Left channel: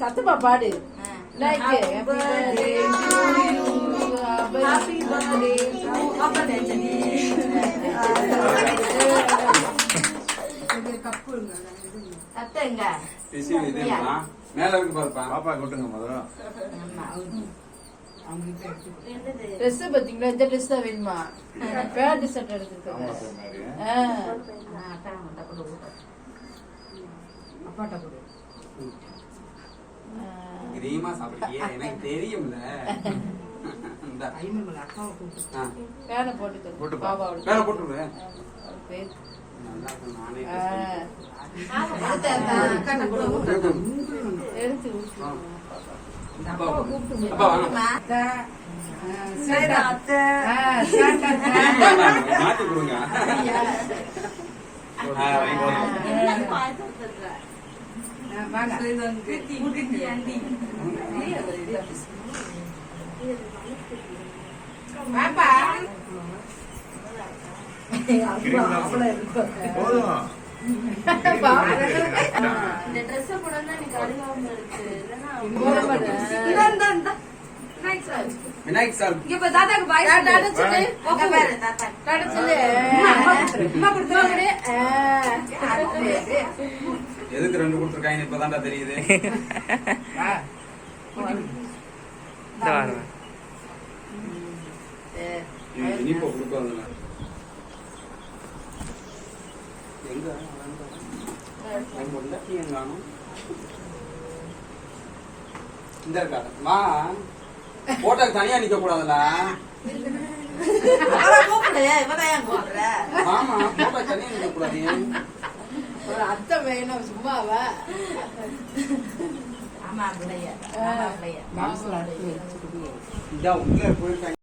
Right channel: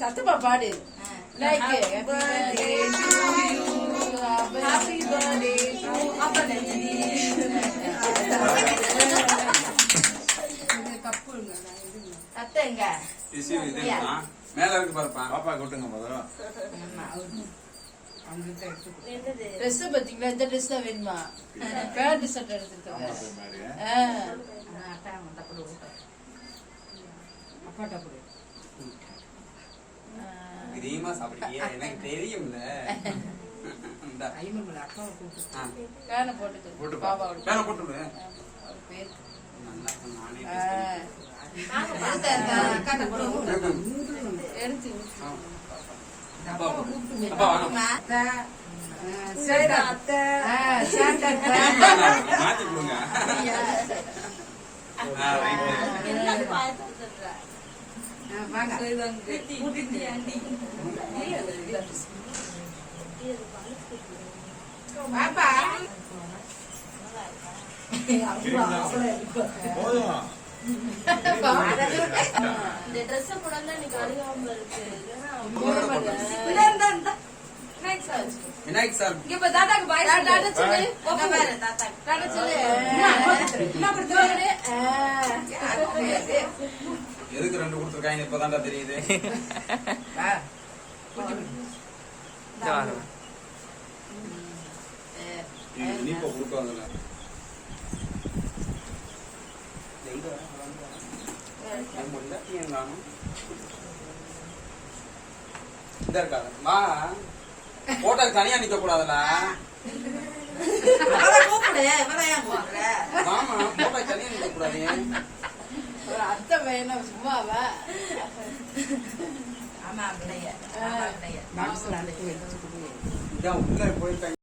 சத்தமா பாடு. Like happy birthday to you, happy birthday to Abanajani. கத்தங்க மேல இருக்கு பாப்பா. பாப்பா கொட்டுங்க முதல்ல. ட்ரெஸ் பாத்தீங்களா? இந்த ட்ரெஸ் தான் வேணுமா? பேண்ட் ஷர்ட் எடுத்துருக்காங்க. அப்பாட்ட கொடு. கிரீமா சாப்பிடுறியே, எனக்கு தெரியும்ல. இந்த ஐமன் அக்காவை கூப்பிட்டு பேன போட்டு பாபாவோட மேல போட்டுரு. பேர் நல்லா நானே எடுத்து அப்பா வாங்க. சரிடா அத்தை மாத்தி கொடுங்க. விநாயக் சார் இப்ப தாத்தாக்கு பாய் சொல்லு. எதுக்கு ரெண்டு கொடுத்துருக்காங்க இப்பதான்டா தெரியுது. இனிப்போ கொடுப்பாங்க. இந்த இருக்காங்க போட்டோக்கு தனியா நிக்க கூடாதுல. மாமா போட்டோக்கு தனியா நிக்க கூடாது. ஒரு அத்தை வேணும் சும்மாவா? இதான் உள்ள போயிருக்காங்க.